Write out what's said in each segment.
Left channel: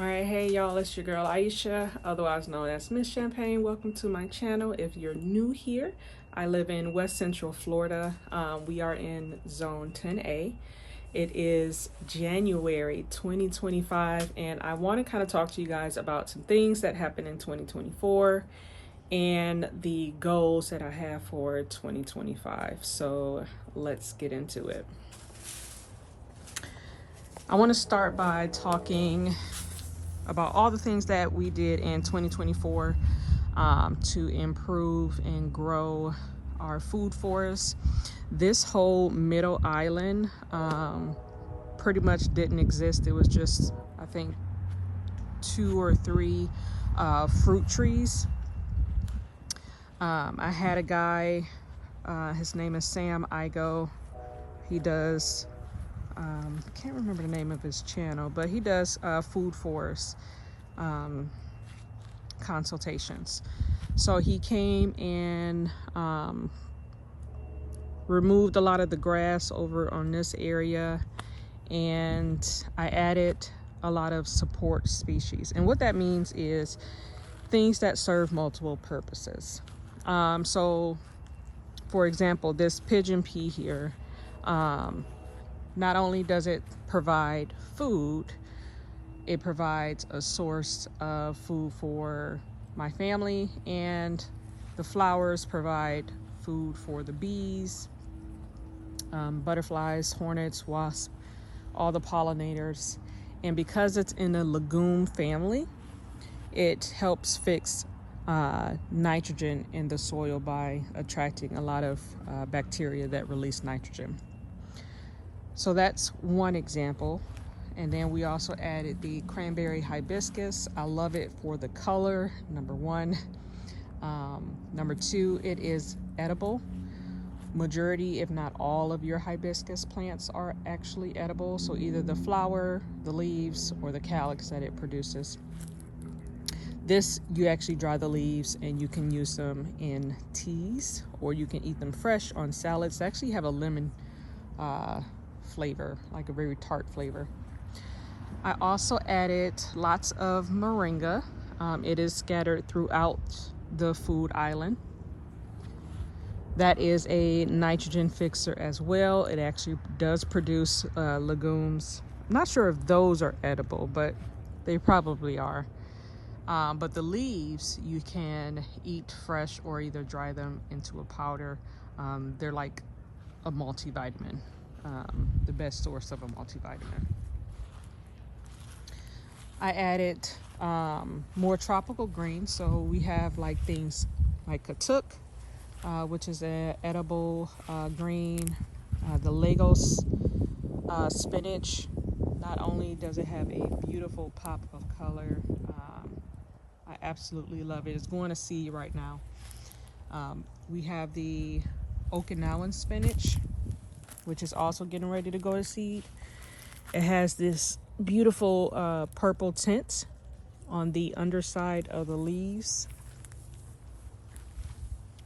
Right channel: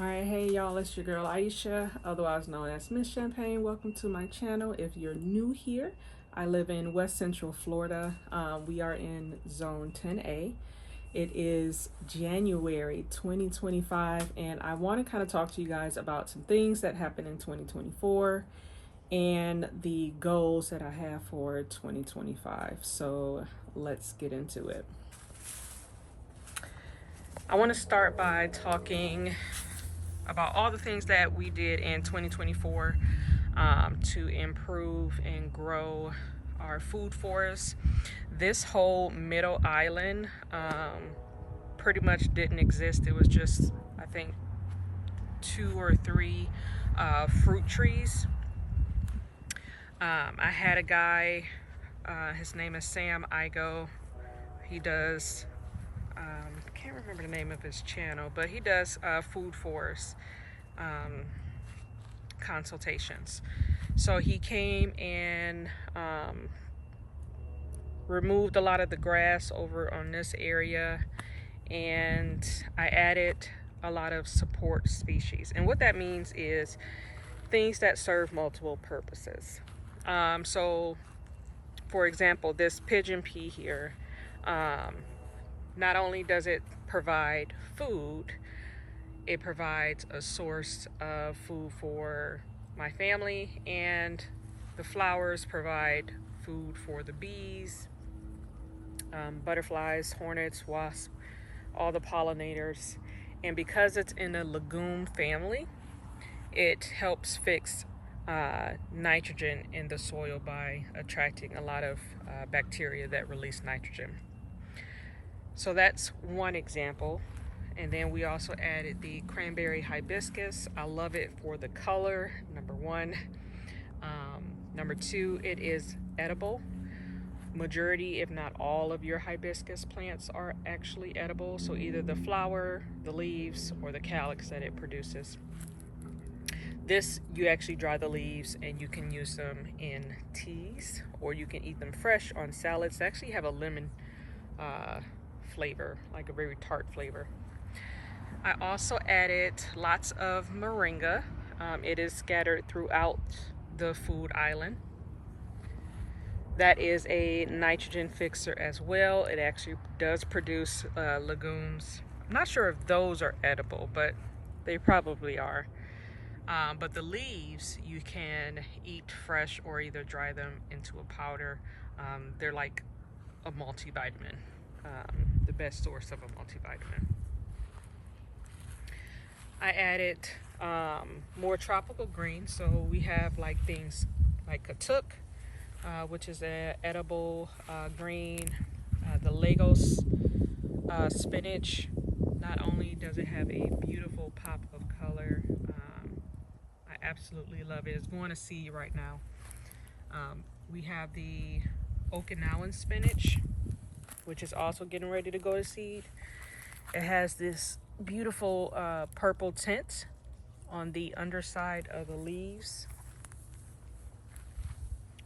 All right, hey y'all, it's your girl Aisha, otherwise known as Miss Champagne. Welcome to my channel. If you're new here, I live in West Central Florida. We are in Zone 10A. It is January 2025, and I want to kind of talk to you guys about some things that happened in 2024 and the goals that I have for 2025. So let's get into it. I want to start by talking about all the things that we did in 2024 to improve and grow our food forests. This whole middle island pretty much didn't exist. It was just, I think, 2 or 3 fruit trees. I had a guy, his name is Sam Igo. He does I can't remember the name of his channel, but he does food forest consultations. So he came and removed a lot of the grass over on this area, and I added a lot of support species. And what that means is things that serve multiple purposes. So for example, this pigeon pea here, not only does it provide food, it provides a source of food for my family, and the flowers provide food for the bees, butterflies, hornets, wasps, all the pollinators. And because it's in the legume family, it helps fix nitrogen in the soil by attracting a lot of bacteria that release nitrogen. So that's one example. And then we also added the cranberry hibiscus. I love it for the color, number one. Number two, it is edible. Majority, if not all, of your hibiscus plants are actually edible. So either the flower, the leaves, or the calyx that it produces. This, you actually dry the leaves and you can use them in teas, or you can eat them fresh on salads. They actually have a lemon flavor, like a very tart flavor. I also added lots of moringa. It is scattered throughout the food island. That is a nitrogen fixer as well. It actually does produce legumes. I'm not sure if those are edible, but they probably are. But the leaves you can eat fresh or either dry them into a powder. They're like a multivitamin, the best source of a multivitamin. I added more tropical greens, so we have like things like katuk, which is an edible green, the Lagos spinach. Not only does it have a beautiful pop of color, I absolutely love it. It's going to seed right now. We have the Okinawan spinach, which is also getting ready to go to seed. It has this beautiful purple tint on the underside of the leaves.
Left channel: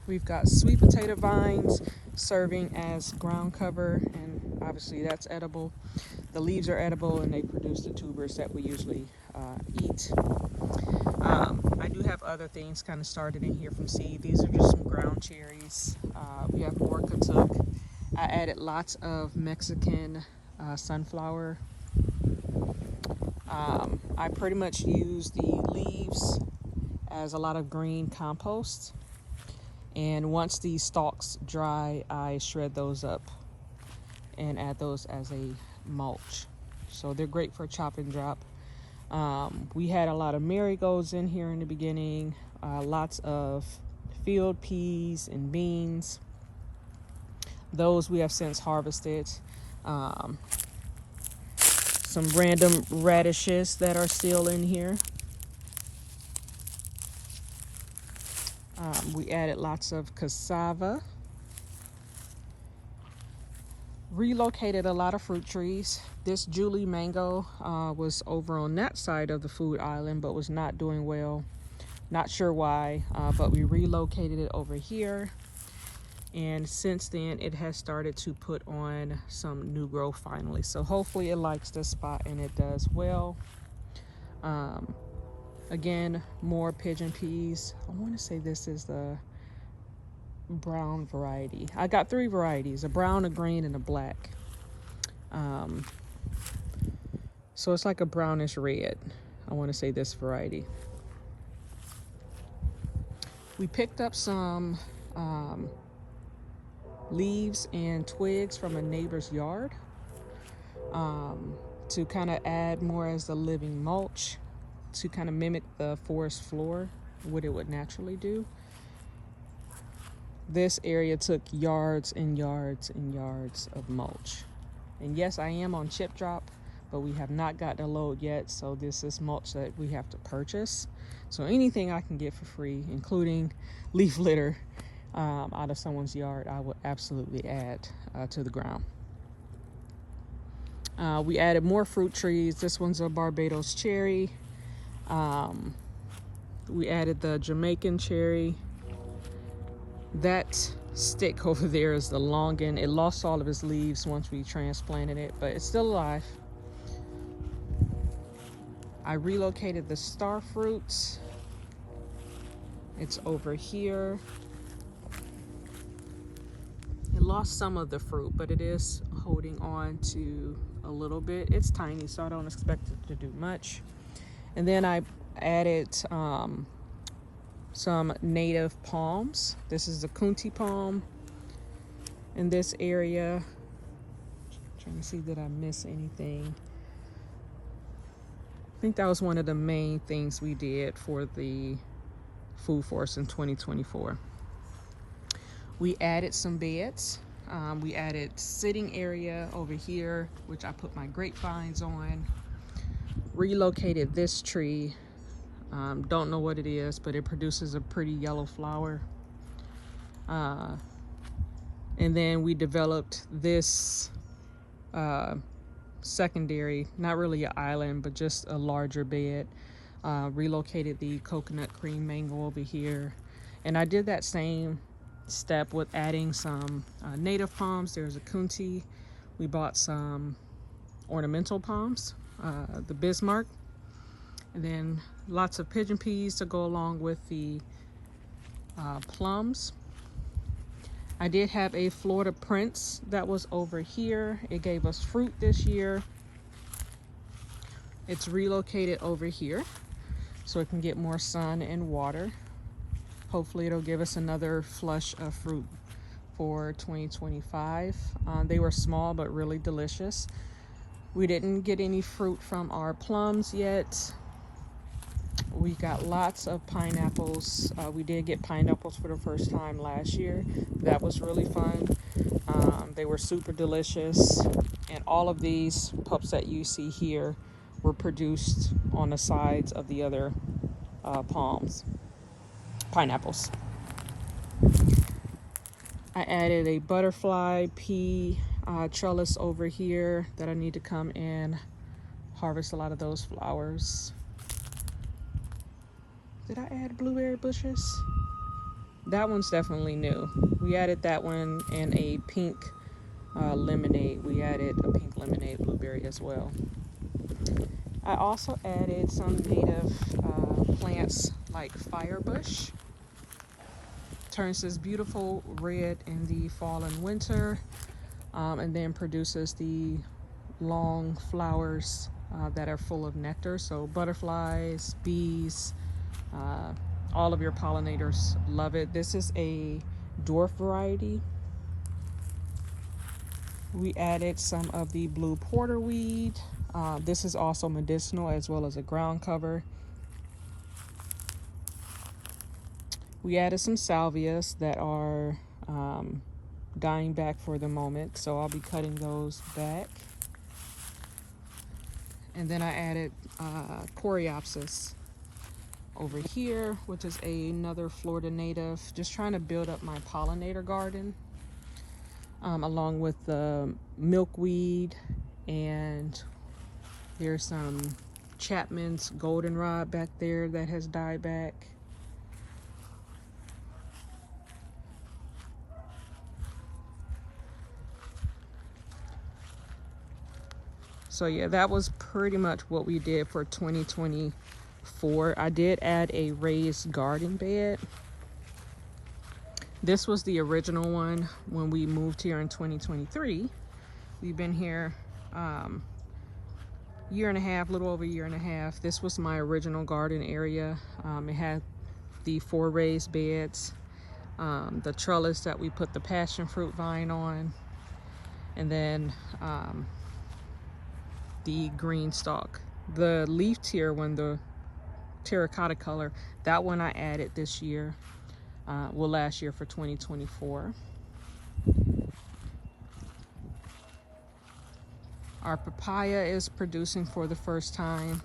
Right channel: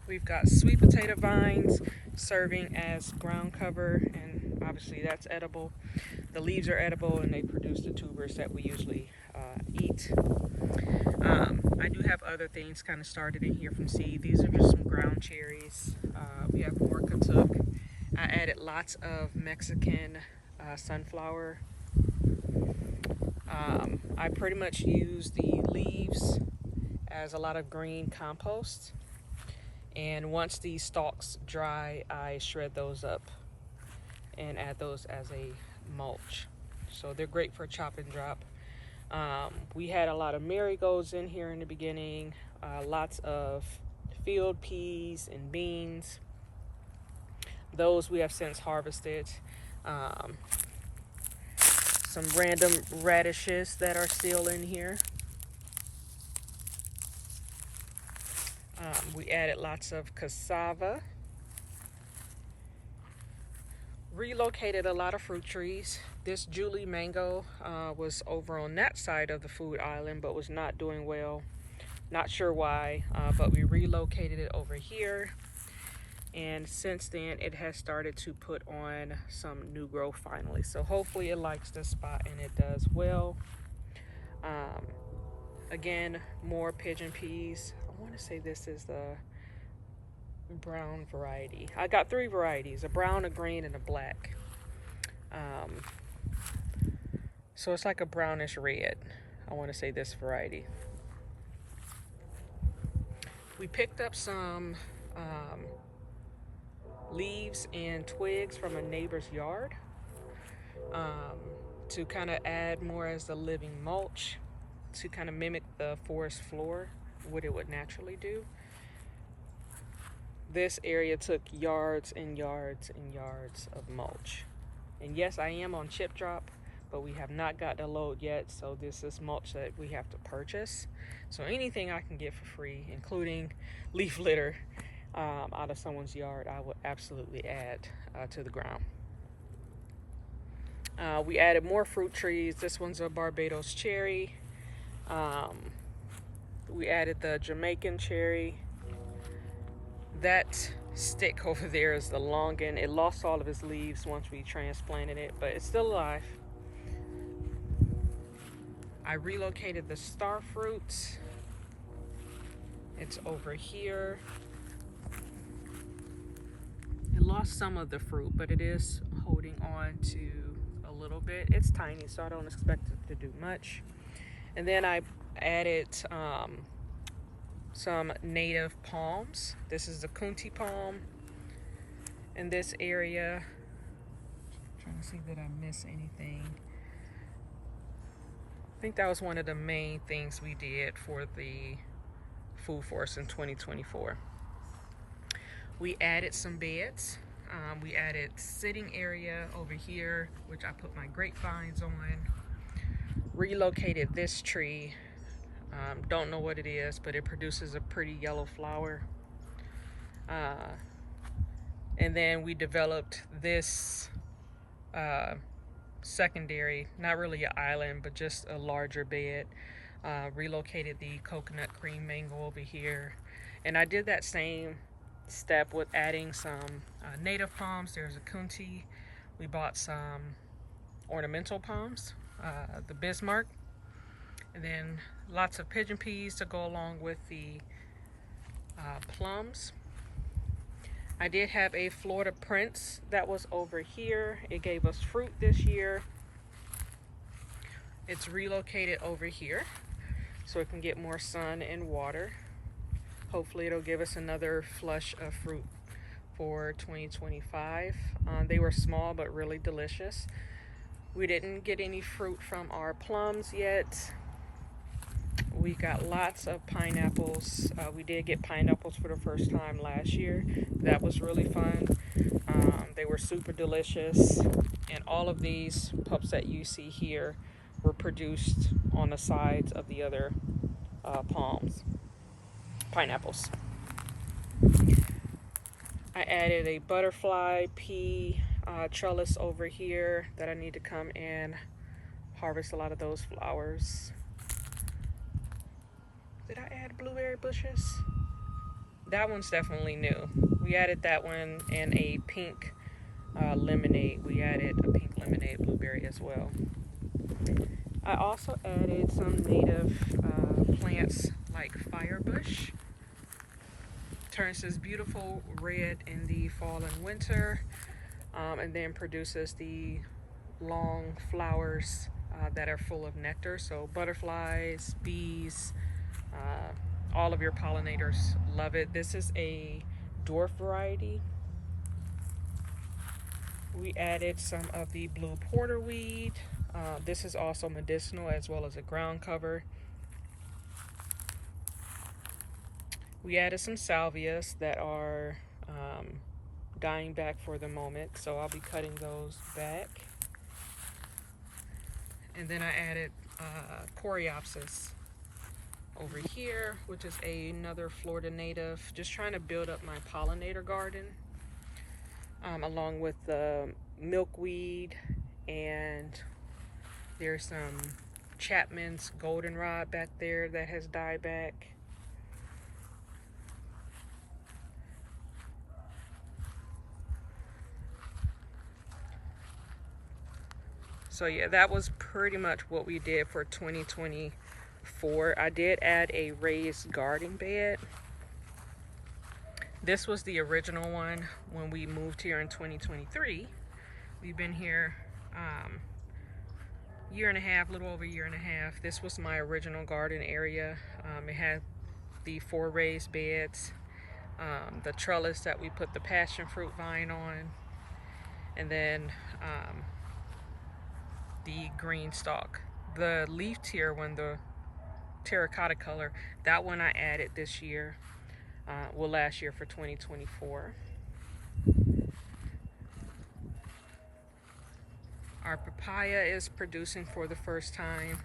We've got sweet potato vines serving as ground cover, and obviously that's edible. The leaves are edible and they produce the tubers that we usually eat. I do have other things kind of started in here from seed. These are just some ground cherries. We have more katuk. I added lots of Mexican sunflower. I pretty much use the leaves as a lot of green compost, and once these stalks dry, I shred those up and add those as a mulch. So they're great for chop and drop. We had a lot of marigolds in here in the beginning, lots of field peas and beans. Those we have since harvested. Some random radishes that are still in here. We added lots of cassava. Relocated a lot of fruit trees. This Julie mango was over on that side of the food island, but was not doing well. Not sure why, but we relocated it over here. And since then, it has started to put on some new growth finally. So hopefully it likes this spot, and it does well. Again, more pigeon peas. I want to say this is the brown variety. I got 3 varieties, a brown, a green, and a black. So it's like a brownish red. I want to say this variety. We picked up some leaves and twigs from a neighbor's yard to kind of add more as a living mulch to kind of mimic the forest floor, what it would naturally do. This area took yards and yards and yards of mulch. And yes, I am on chip drop, but we have not gotten a load yet, so this is mulch that we have to purchase. So anything I can get for free, including leaf litter out of someone's yard, I would absolutely add to the ground. We added more fruit trees. This one's a Barbados cherry. We added the Jamaican cherry. That stick over there is the longan. It lost all of its leaves once we transplanted it, but it's still alive. I relocated the star fruits. It's over here. It lost some of the fruit, but it is holding on to a little bit. It's tiny, so I don't expect it to do much. And then I added some native palms. This is the Kunti palm in this area. Trying to see that I miss anything. I think that was one of the main things we did for the Food Forest in 2024. We added some beds. We added sitting area over here, which I put my grapevines on. Relocated this tree. Don't know what it is, but it produces a pretty yellow flower. And then we developed this secondary, not really an island, but just a larger bed. Relocated the coconut cream mango over here. And I did that same step with adding some native palms. There's a Kunti. We bought some ornamental palms, the Bismarck. And then lots of pigeon peas to go along with the plums. I did have a Florida Prince that was over here. It gave us fruit this year. It's relocated over here so it can get more sun and water. Hopefully it'll give us another flush of fruit for 2025. They were small but really delicious. We didn't get any fruit from our plums yet. We got lots of pineapples. We did get pineapples for the first time last year. That was really fun. They were super delicious. And all of these pups that you see here were produced on the sides of the other pineapples. I added a butterfly pea trellis over here that I need to come and harvest a lot of those flowers. Did I add blueberry bushes? That one's definitely new. We added that one and a pink lemonade. We added a pink lemonade blueberry as well. I also added some native plants like firebush. Turns this beautiful red in the fall and winter, and then produces the long flowers that are full of nectar. So butterflies, bees, all of your pollinators love it. This is a dwarf variety. We added some of the blue porterweed. This is also medicinal as well as a ground cover. We added some salvias that are dying back for the moment, so I'll be cutting those back. And then I added Coreopsis over here, which is another Florida native. Just trying to build up my pollinator garden, along with the milkweed, and there's some Chapman's goldenrod back there that has died back. So yeah, that was pretty much what we did for 2024. 4. I did add a raised garden bed. This was the original one when we moved here in 2023. We've been here year and a half, little over a year and a half. This was my original garden area. It had the 4 raised beds, the trellis that we put the passion fruit vine on, and then the green stalk. The leaf tier one, the terracotta color, that one I added this year, last year for 2024. Our papaya is producing for the first time.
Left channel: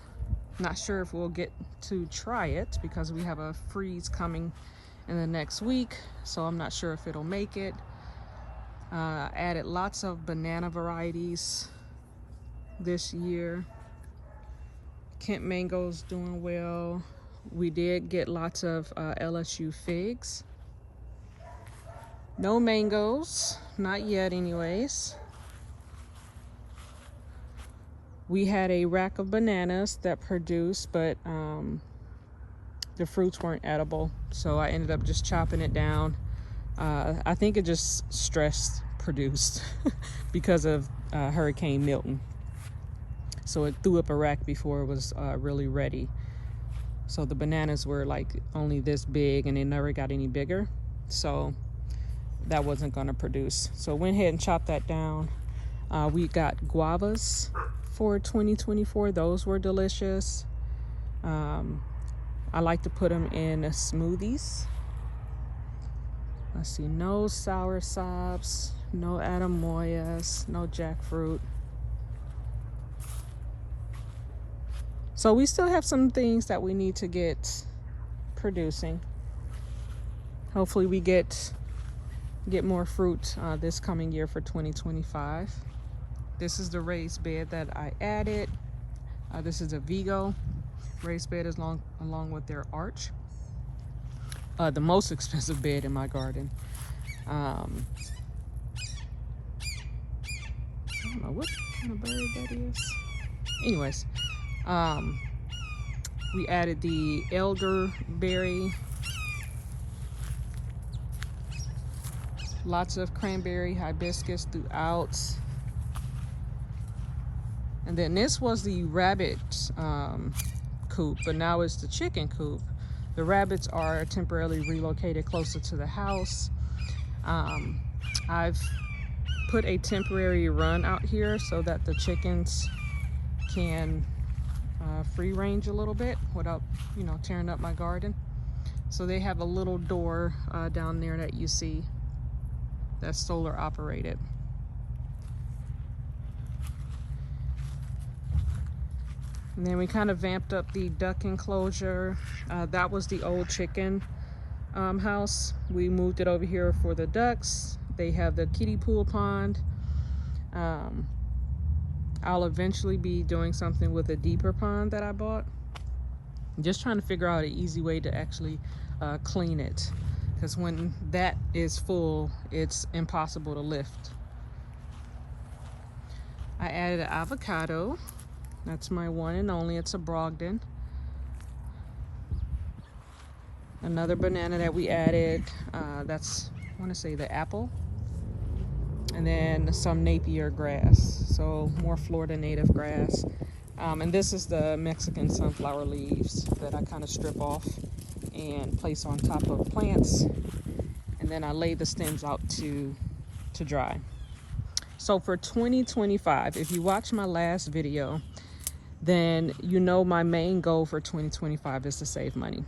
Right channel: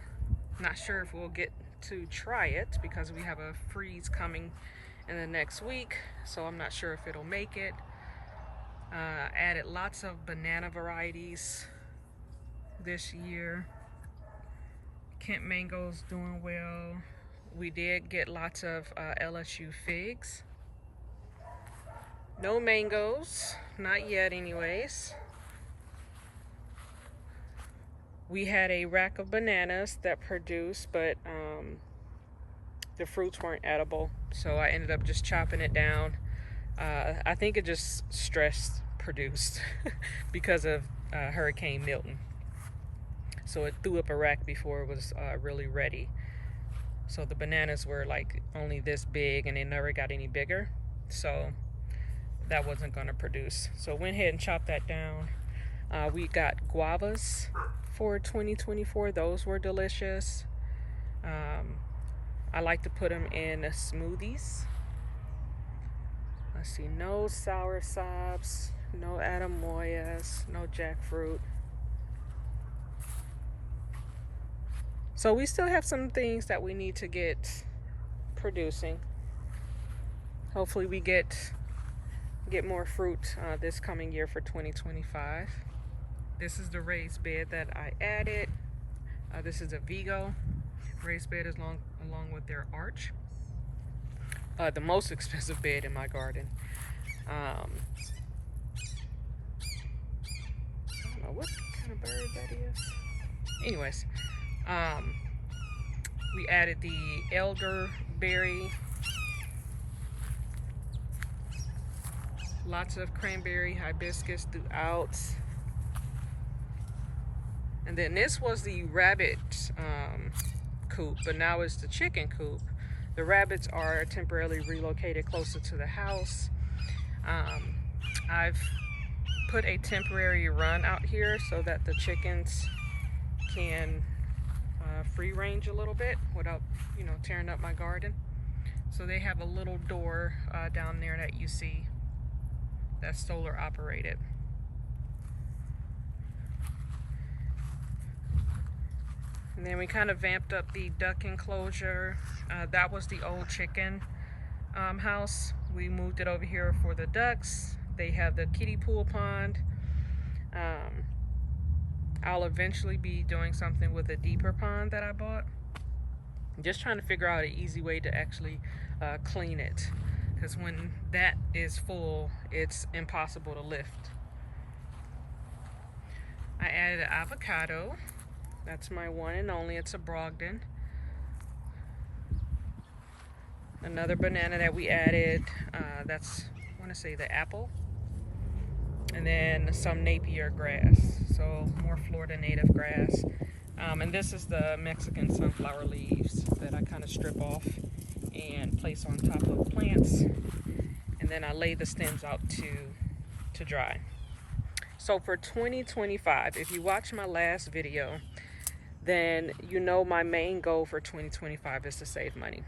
Not sure if we'll get to try it because we have a freeze coming in the next week, so I'm not sure if it'll make it. Added lots of banana varieties this year. Kent mango's doing well. We did get lots of LSU figs. No mangoes, not yet anyways. We had a rack of bananas that produced, but the fruits weren't edible, so I ended up just chopping it down. I think it just stress produced because of Hurricane Milton. So it threw up a rack before it was really ready. So the bananas were like only this big and they never got any bigger. So that wasn't gonna produce. So went ahead and chopped that down. We got guavas for 2024. Those were delicious. I like to put them in smoothies. Let's see, no sour sobs, no atemoyas, no jackfruit. So we still have some things that we need to get producing. Hopefully we get more fruit this coming year for 2025. This is the raised bed that I added. This is a Vigo raised bed along with their arch. The most expensive bed in my garden. I don't know what kind of bird that is. Anyways, we added the elderberry. Lots of cranberry hibiscus throughout. And then this was the rabbit coop, but now it's the chicken coop. The rabbits are temporarily relocated closer to the house. I've put a temporary run out here so that the chickens can free range a little bit without, tearing up my garden. So they have a little door down there that you see that's solar operated. And then we kind of vamped up the duck enclosure. That was the old chicken house. We moved it over here for the ducks. They have the kiddie pool pond. I'll eventually be doing something with a deeper pond that I bought. I'm just trying to figure out an easy way to actually clean it, because when that is full, it's impossible to lift. I added an avocado. That's my one and only. It's a Brogdon. Another banana that we added, that's, I want to say, the apple. And then some Napier grass, so more Florida native grass. And this is the Mexican sunflower leaves that I kind of strip off and place on top of plants. And then I lay the stems out to dry. So for 2025, if you watch my last video, then my main goal for 2025 is to save money.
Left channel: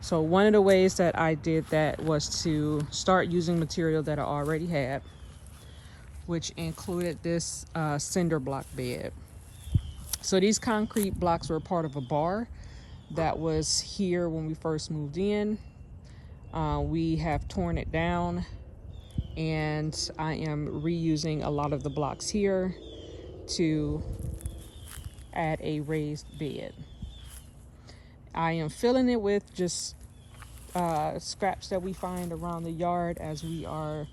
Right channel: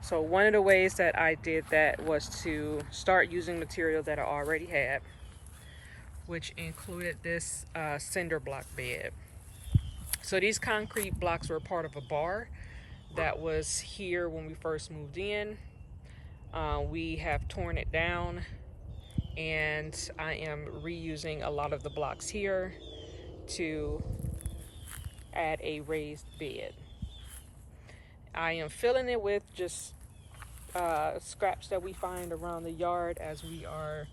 So one of the ways that I did that was to start using material that I already had, which included this cinder block bed. So these concrete blocks were part of a bar that was here when we first moved in. We have torn it down, and I am reusing a lot of the blocks here to add a raised bed. I am filling it with just scraps that we find around the yard as we are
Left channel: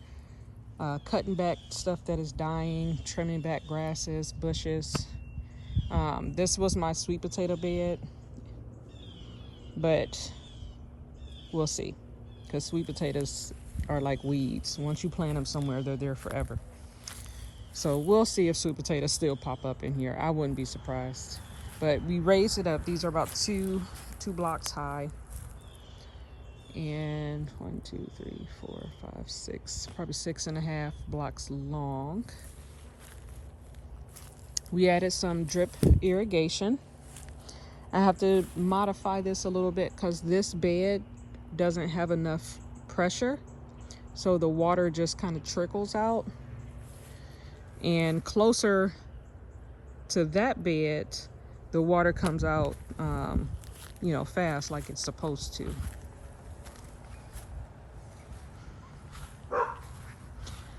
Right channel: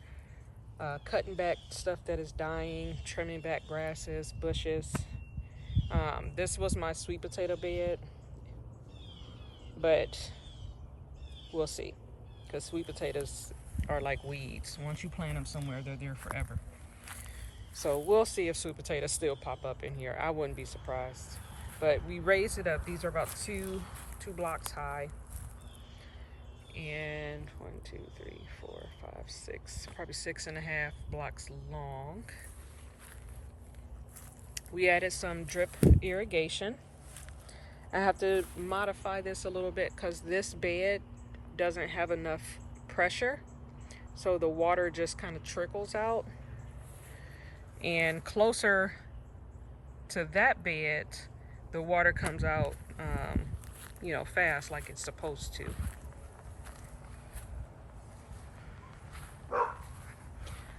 cutting back stuff that is dying, trimming back grasses, bushes. This was my sweet potato bed. but we'll see, because sweet potatoes are like weeds. Once you plant them somewhere, they're there forever. So we'll see if sweet potatoes still pop up in here. I wouldn't be surprised. But we raised it up. These are about two blocks high. And 1, 2, 3, 4, 5, 6, probably 6.5 blocks long. We added some drip irrigation. I have to modify this a little bit because this bed doesn't have enough pressure. So the water just kind of trickles out. And closer to that bed, the water comes out, you know, fast like it's supposed to.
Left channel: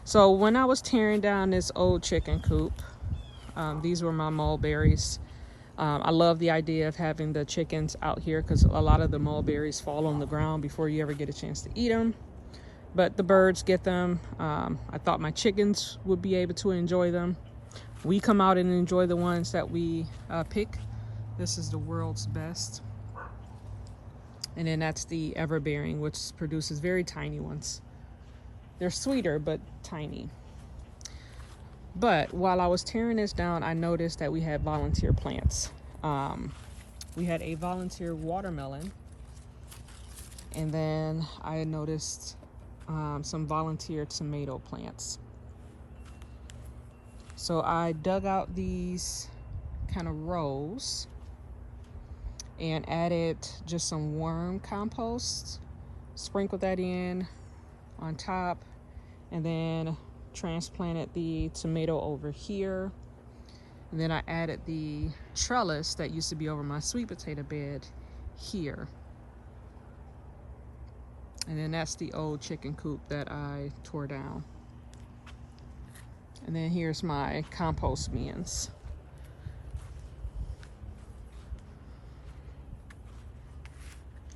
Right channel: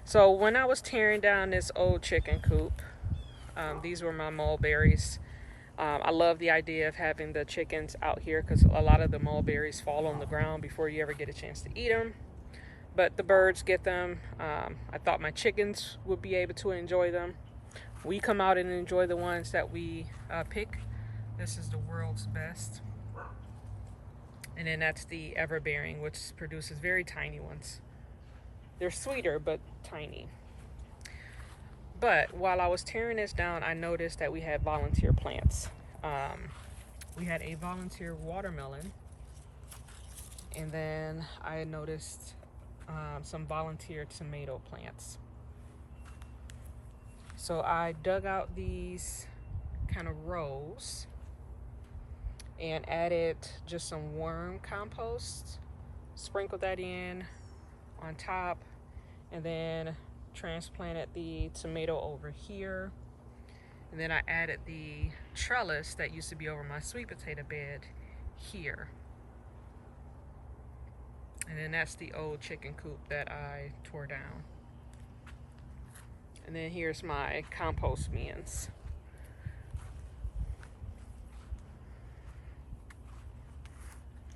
So when I was tearing down this old chicken coop, these were my mulberries. I love the idea of having the chickens out here because a lot of the mulberries fall on the ground before you ever get a chance to eat them. But the birds get them. I thought my chickens would be able to enjoy them. We come out and enjoy the ones that we pick. This is the world's best. And then that's the Everbearing, which produces very tiny ones. They're sweeter, but tiny. But while I was tearing this down, I noticed that we had volunteer plants. We had a volunteer watermelon. And then I noticed some volunteer tomato plants. So I dug out these kind of rows and added just some worm compost, sprinkled that in on top, and then transplanted the tomato over here. And then I added the trellis that used to be over my sweet potato bed here. And then that's the old chicken coop that I tore down. And then here's my compost bins.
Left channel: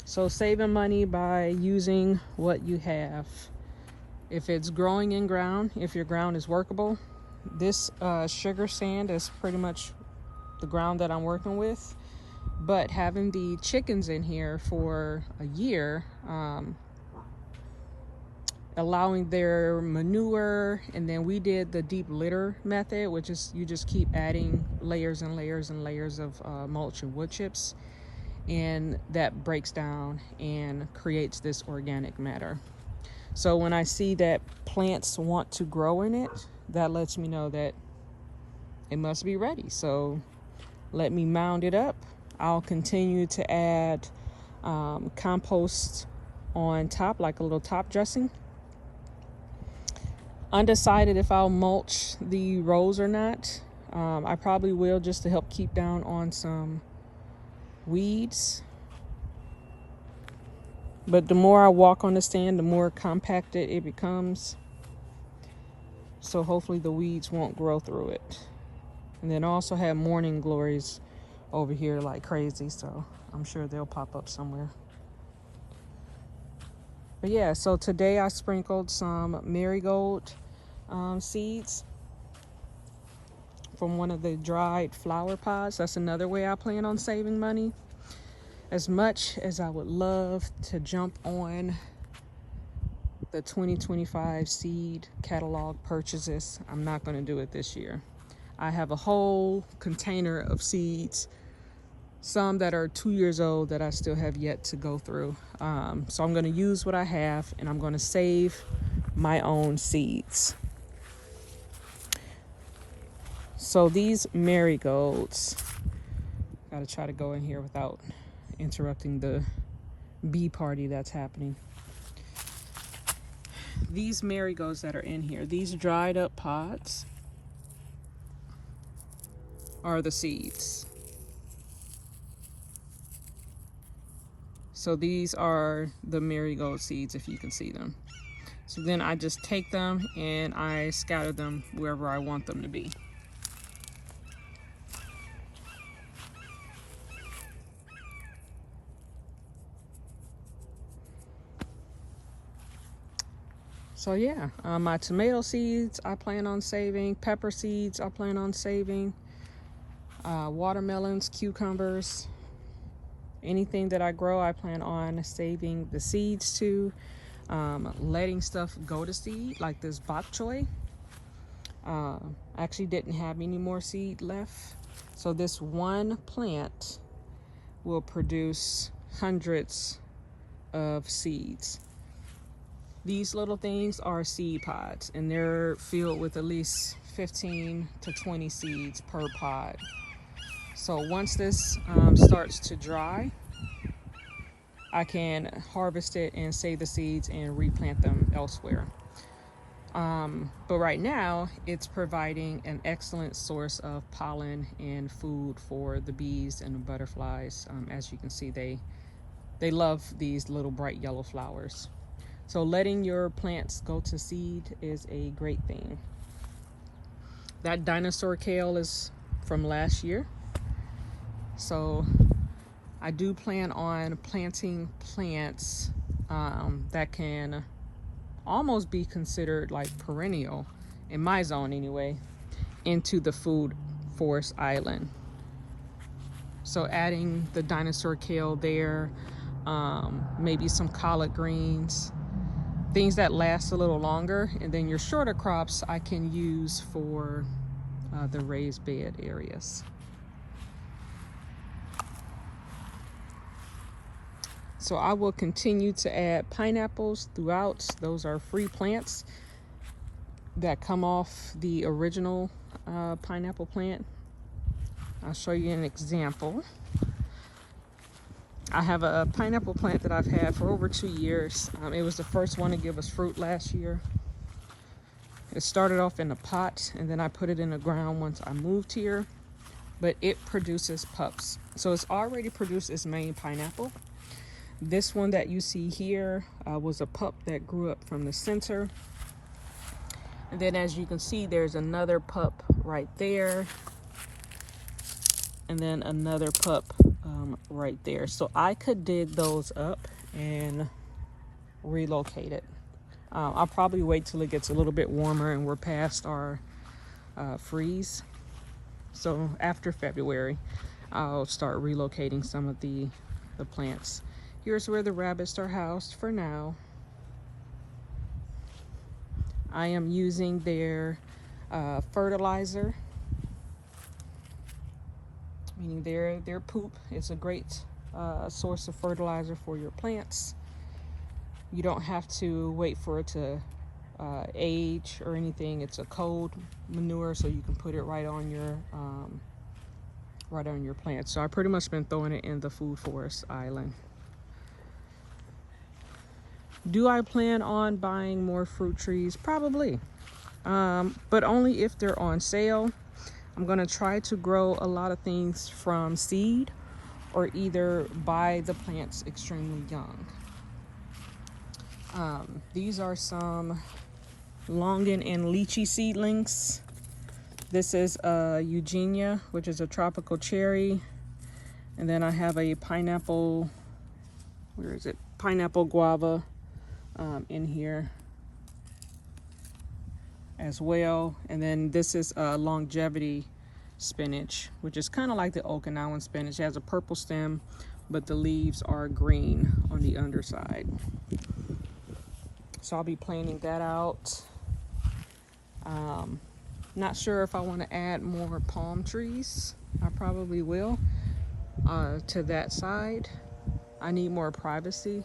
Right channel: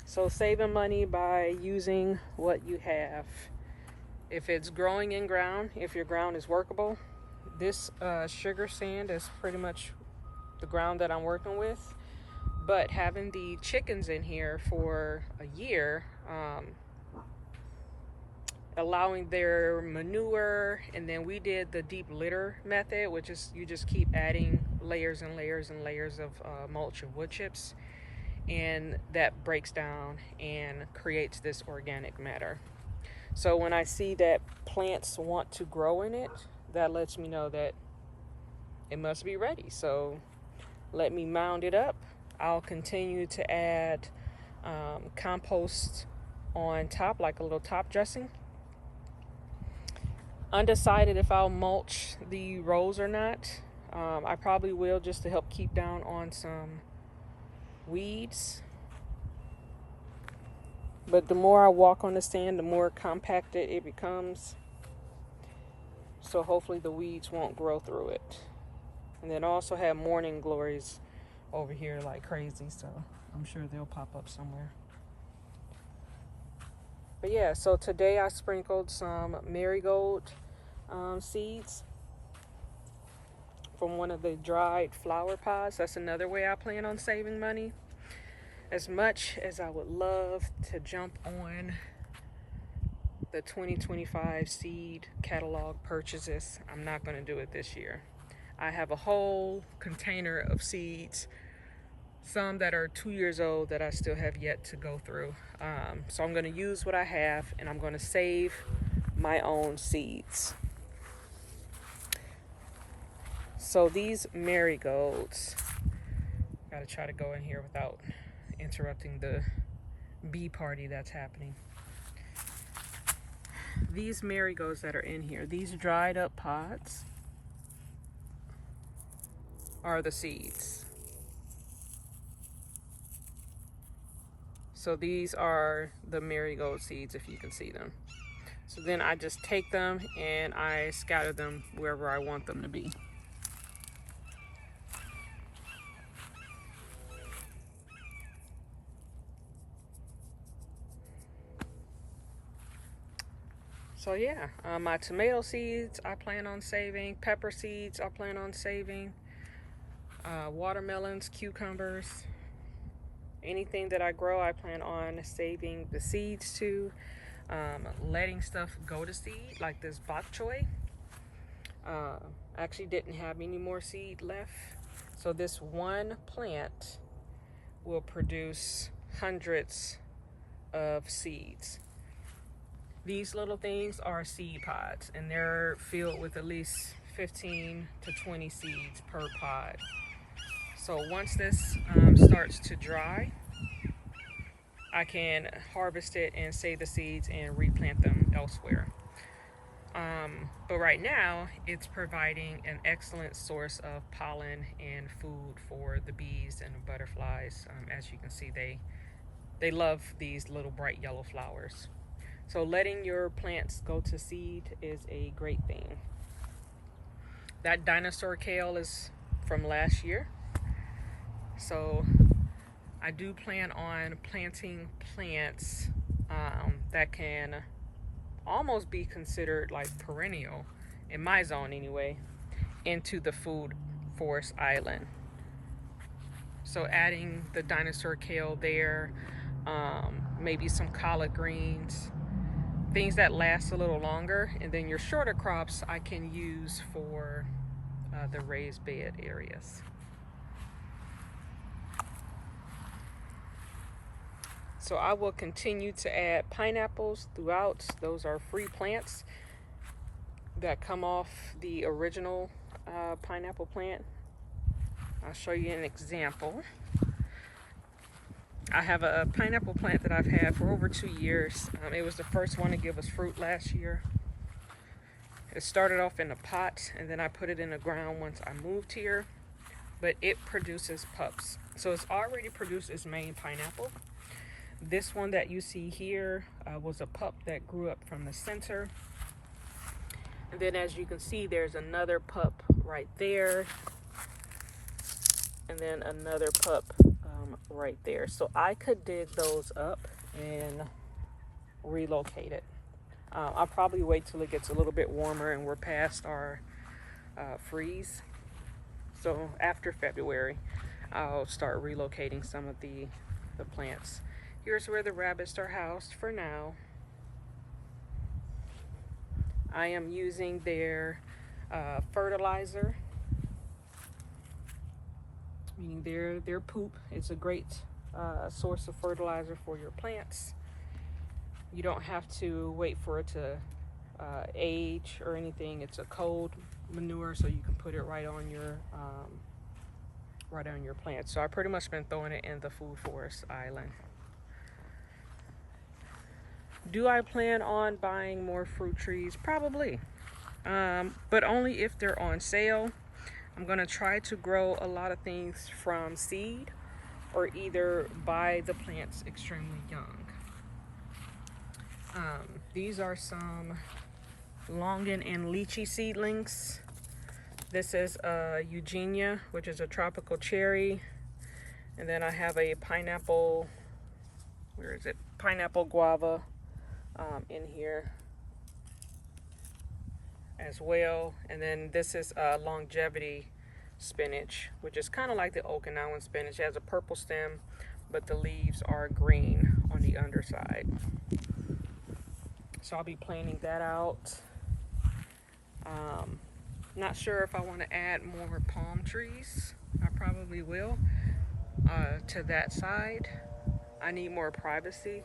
So saving money by using what you have. If it's growing in ground, if your ground is workable, this sugar sand is pretty much the ground that I'm working with. But having the chickens in here for a year, allowing their manure, and then we did the deep litter method, which is you just keep adding layers and layers and layers of mulch and wood chips, and that breaks down and creates this organic matter. So when I see that plants want to grow in it, that lets me know that it must be ready. So let me mound it up. I'll continue to add compost on top, like a little top dressing. Undecided if I'll mulch the rows or not. I probably will, just to help keep down on some weeds. But the more I walk on the stand, the more compacted it becomes. So hopefully the weeds won't grow through it. And then I also have morning glories over here like crazy, so I'm sure they'll pop up somewhere. But yeah, so today I sprinkled some marigold seeds from one of the dried flower pods. That's another way I plan on saving money. As much as I would love to jump on the 2025 seed catalog purchases, I'm not going to do it this year. I have a whole container of seeds, some that are 2 years old that I still have yet to go through. So I'm going to use what I have, and I'm going to save my own seeds. So these marigolds, got to try to go in here without interrupting the bee party that's happening. These marigolds that are in here, these dried up pods, are the seeds. So these are the marigold seeds, if you can see them. So then I just take them and I scatter them wherever I want them to be. So yeah, my tomato seeds I plan on saving, pepper seeds I plan on saving, watermelons, cucumbers, Anything that I grow, I plan on saving the seeds to, letting stuff go to seed, like this bok choy. I actually didn't have any more seed left. So this one plant will produce hundreds of seeds. These little things are seed pods, and they're filled with at least 15 to 20 seeds per pod. So once this starts to dry, I can harvest it and save the seeds and replant them elsewhere. But right now, it's providing an excellent source of pollen and food for the bees and the butterflies. As you can see, they love these little bright yellow flowers. So letting your plants go to seed is a great thing. That dinosaur kale is from last year. So I do plan on planting plants that can almost be considered like perennial, in my zone anyway, into the food forest island. So adding the dinosaur kale there, maybe some collard greens, things that last a little longer, and then your shorter crops I can use for the raised bed areas. So I will continue to add pineapples throughout. Those are free plants that come off the original pineapple plant. I'll show you an example. I have a pineapple plant that I've had for over 2 years. It was the first one to give us fruit last year. It started off in a pot, and then I put it in the ground once I moved here, but it produces pups. So it's already produced its main pineapple. This one that you see here was a pup that grew up from the center. And then as you can see, there's another pup right there. And then another pup right there. So I could dig those up and relocate it. I'll probably wait till it gets a little bit warmer and we're past our freeze. So after February, I'll start relocating some of the plants. Here's where the rabbits are housed for now. I am using their fertilizer, meaning their poop is a great source of fertilizer for your plants. You don't have to wait for it to age or anything. It's a cold manure, so you can put it right on your plants. So I pretty much been throwing it in the food forest island. Do I plan on buying more fruit trees? Probably, but only if they're on sale. I'm gonna try to grow a lot of things from seed or either buy the plants extremely young. These are some longan and lychee seedlings. This is Eugenia, which is a tropical cherry. And then I have a pineapple, where is it? Pineapple guava in here as well. And then this is longevity spinach, which is kind of like the Okinawan spinach. It has a purple stem, but the leaves are green on the underside. So I'll be planting that out. Not sure if I want to add more palm trees. I probably will to that side. I need more privacy.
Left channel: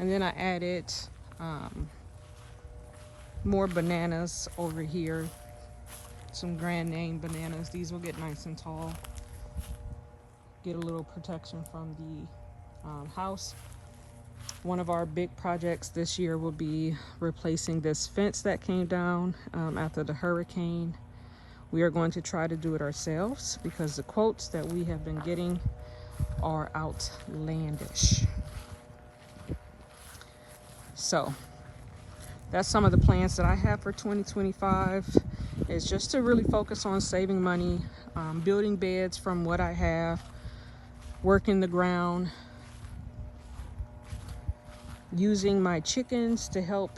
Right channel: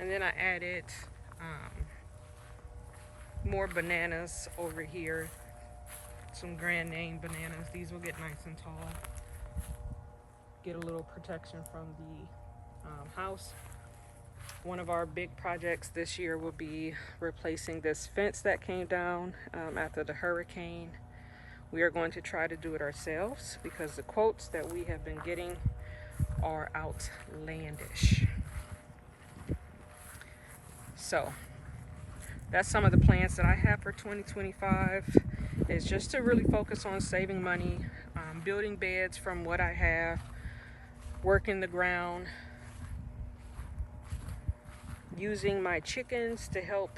And then I added more bananas over here. Some grand name bananas. These will get nice and tall. Get a little protection from the house. One of our big projects this year will be replacing this fence that came down after the hurricane. We are going to try to do it ourselves because the quotes that we have been getting are outlandish. So that's some of the plans that I have for 2025. It's just to really focus on saving money, building beds from what I have, working the ground, using my chickens to help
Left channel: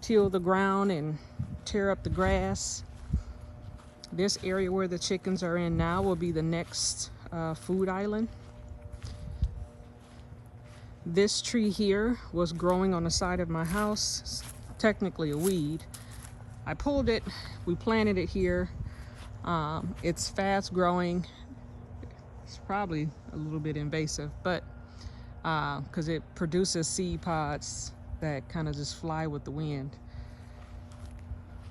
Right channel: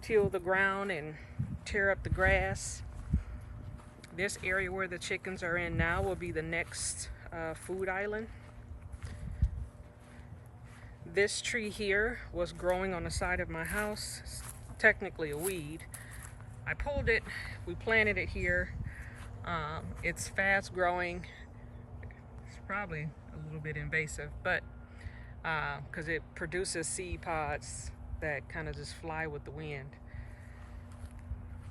till the ground and tear up the grass. This area where the chickens are in now will be the next food island. This tree here was growing on the side of my house. It's technically a weed. I pulled it, we planted it here. It's fast growing. It's probably a little bit invasive, but because it produces seed pods that kind of just fly with the wind.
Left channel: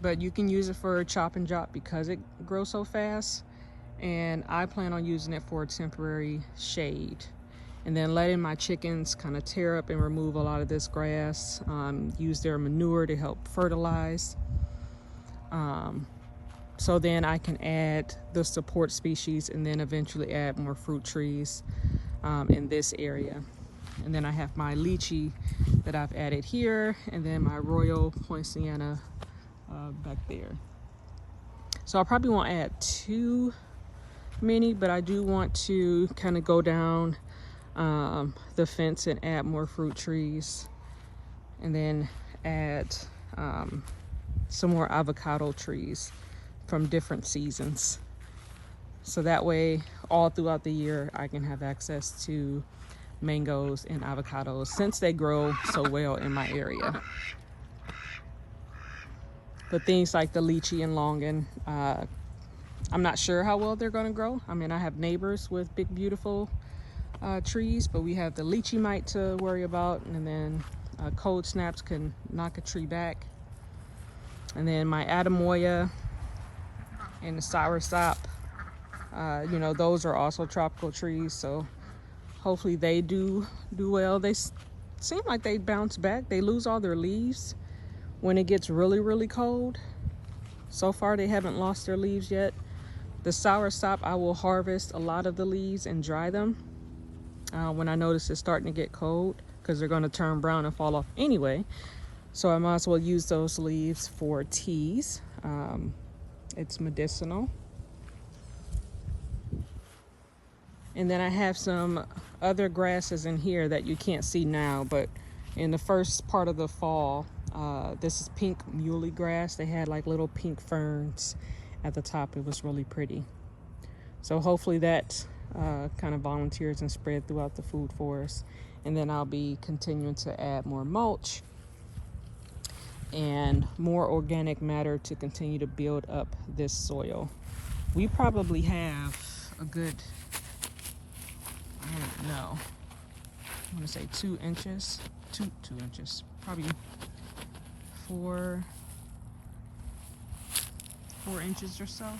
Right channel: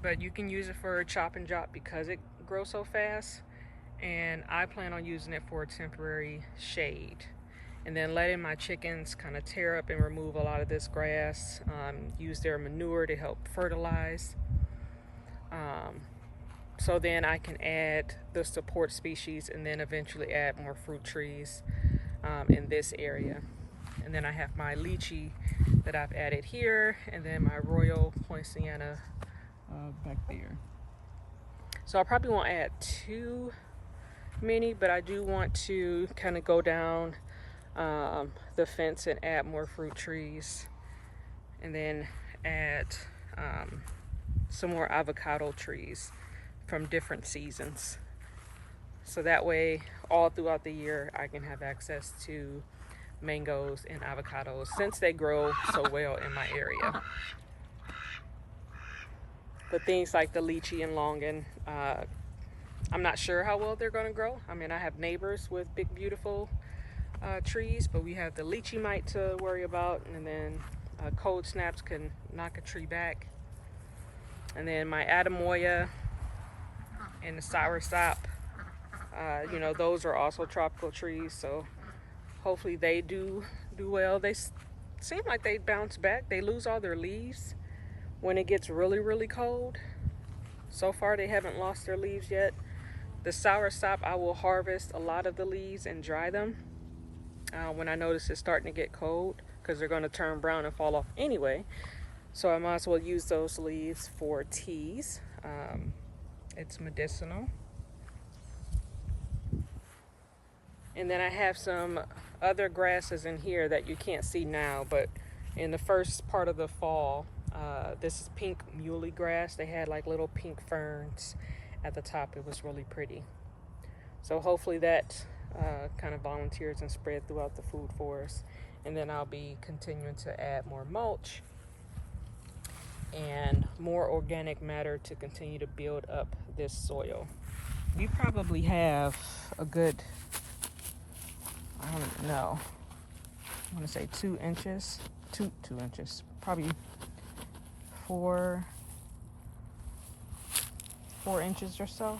But you can use it for chop and drop because it grows so fast. And I plan on using it for a temporary shade. And then letting my chickens kind of tear up and remove a lot of this grass, use their manure to help fertilize. So then I can add the support species and then eventually add more fruit trees in this area. And then I have my lychee that I've added here, and then my royal poinciana back there. So I probably won't add too many, but I do want to kind of go down the fence and add more fruit trees, and then add some more avocado trees from different seasons. So that way, all throughout the year, I can have access to mangoes and avocados since they grow so well in my area. But things like the lychee and longan, I'm not sure how well they're gonna grow. I mean, I have neighbors with big, beautiful trees, but we have the lychee mite to worry about, and then cold snaps can knock a tree back. And then my Adamoya and the soursop, you know, those are also tropical trees, so hopefully they do well. They seem like they bounce back. They lose all their leaves when it gets really, really cold. So far they haven't lost their leaves yet. The soursop, I will harvest a lot of the leaves and dry them when I notice it's starting to get cold, because they're going to turn brown and fall off anyway. So I might as well use those leaves for teas. It's medicinal. And then I have some other grasses in here that you can't see now, but in the first part of the fall, this is pink muley grass. They had like little pink ferns at the top. It was really pretty. So hopefully that kind of volunteers and spread throughout the food forest. And then I'll be continuing to add more mulch and more organic matter to continue to build up this soil. We probably have a good, I don't know, I want to say 2 inches, two inches, probably 4 inches or so.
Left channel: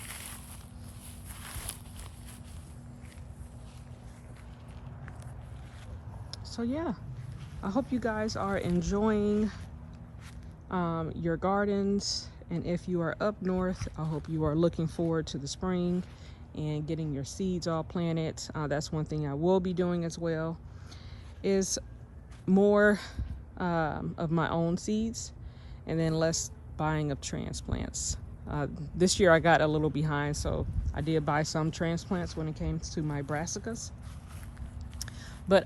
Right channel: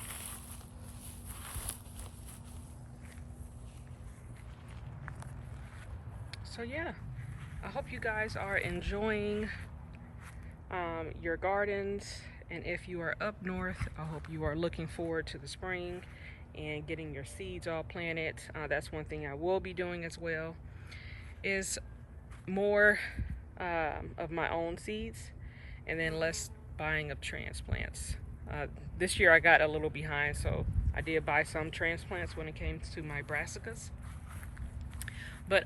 So yeah, I hope you guys are enjoying your gardens, and if you are up north, I hope you are looking forward to the spring and getting your seeds all planted. That's one thing I will be doing as well, is more of my own seeds and then less buying of transplants. This year I got a little behind, so I did buy some transplants when it came to my brassicas, but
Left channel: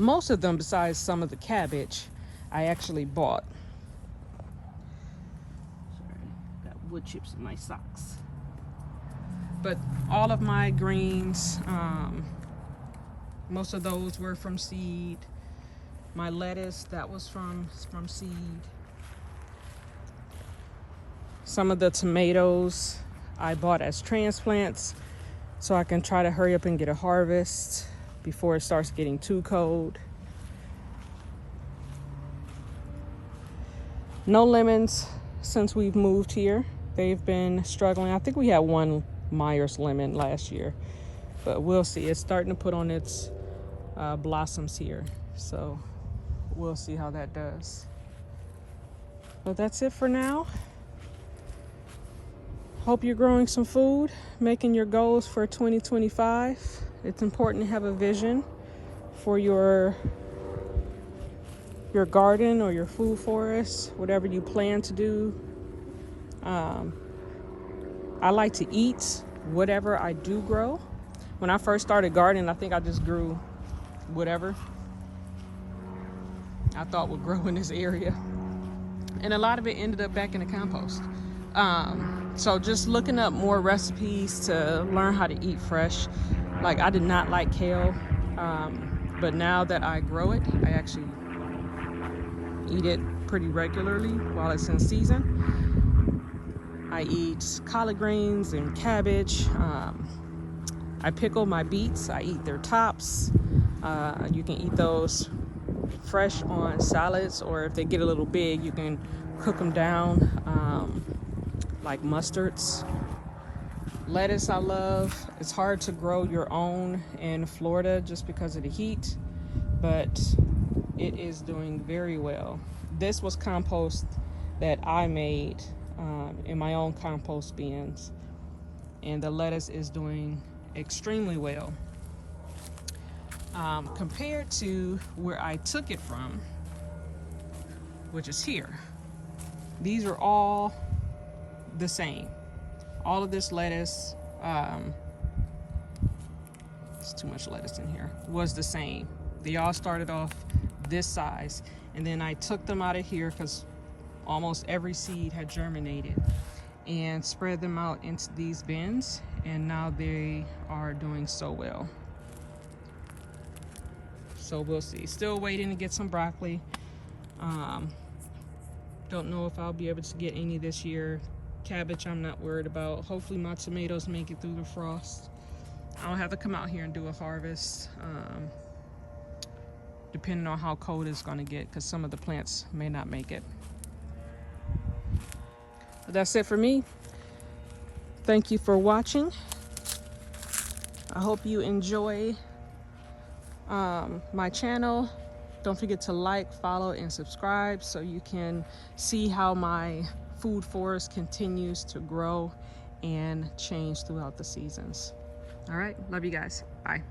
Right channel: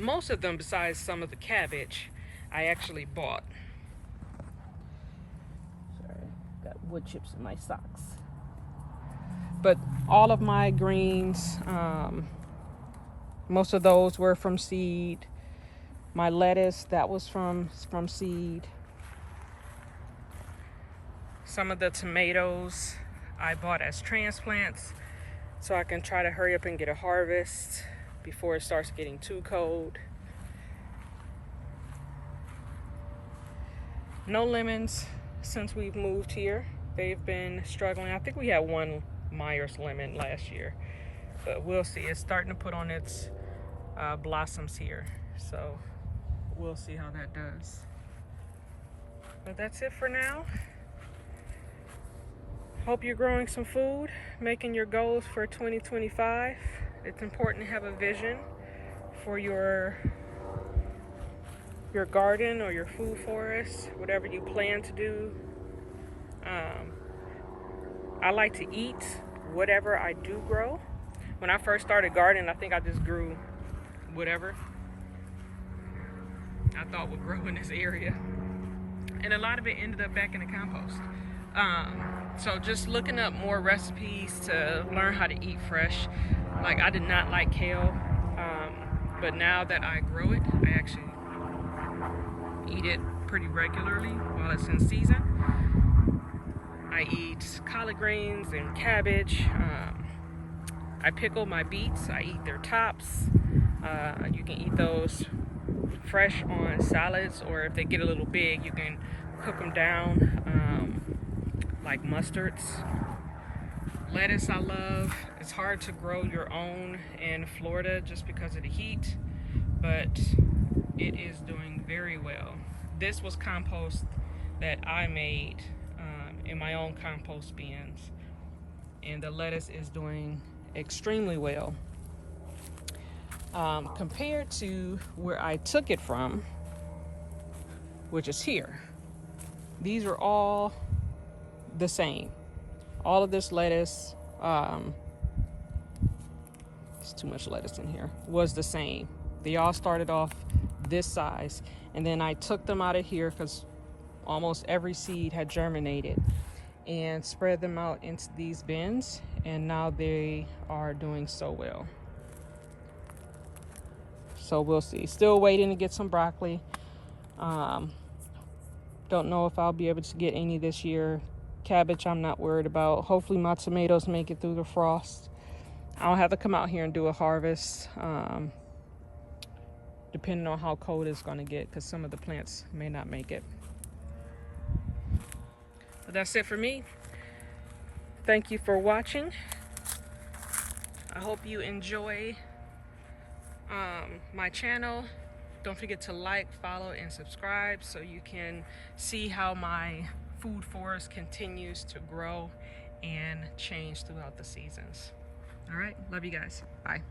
most of them, besides some of the cabbage, I actually bought. Sorry, got wood chips in my socks. But all of my greens, most of those were from seed. My lettuce, that was from seed. Some of the tomatoes I bought as transplants, so I can try to hurry up and get a harvest before it starts getting too cold. No lemons since we've moved here. They've been struggling. I think we had one Myers lemon last year, but we'll see. It's starting to put on its blossoms here, so we'll see how that does. But that's it for now. Hope you're growing some food, making your goals for 2025. It's important to have a vision for your garden or your food forest, whatever you plan to do. I like to eat whatever I do grow. When I first started gardening, I think I just grew whatever I thought would grow in this area. And a lot of it ended up back in the compost. So just looking up more recipes to learn how to eat fresh. Like, I did not like kale, but now that I grow it, I actually eat it pretty regularly while it's in season. I eat collard greens and cabbage. I pickle my beets. I eat their tops. You can eat those fresh on salads, or if they get a little big, you can cook them down like mustards. Lettuce I love. It's hard to grow your own in Florida just because of the heat, but it is doing very well. This was compost that I made in my own compost bins, and the lettuce is doing extremely well. Compared to where I took it from, which is here. These are all the same. All of this lettuce, it's too much lettuce in here, was the same. They all started off this size, and then I took them out of here because almost every seed had germinated, and spread them out into these bins, and now they are doing so well. So we'll see. Still waiting to get some broccoli. Don't know if I'll be able to get any this year. Cabbage I'm not worried about. Hopefully my tomatoes make it through the frost. I'll have to come out here and do a harvest, depending on how cold it's going to get, because some of the plants may not make it. But that's it for me. Thank you for watching. I hope you enjoy my channel. Don't forget to like, follow, and subscribe so you can see how my food forest continues to grow and change throughout the seasons. All right, love you guys. Bye.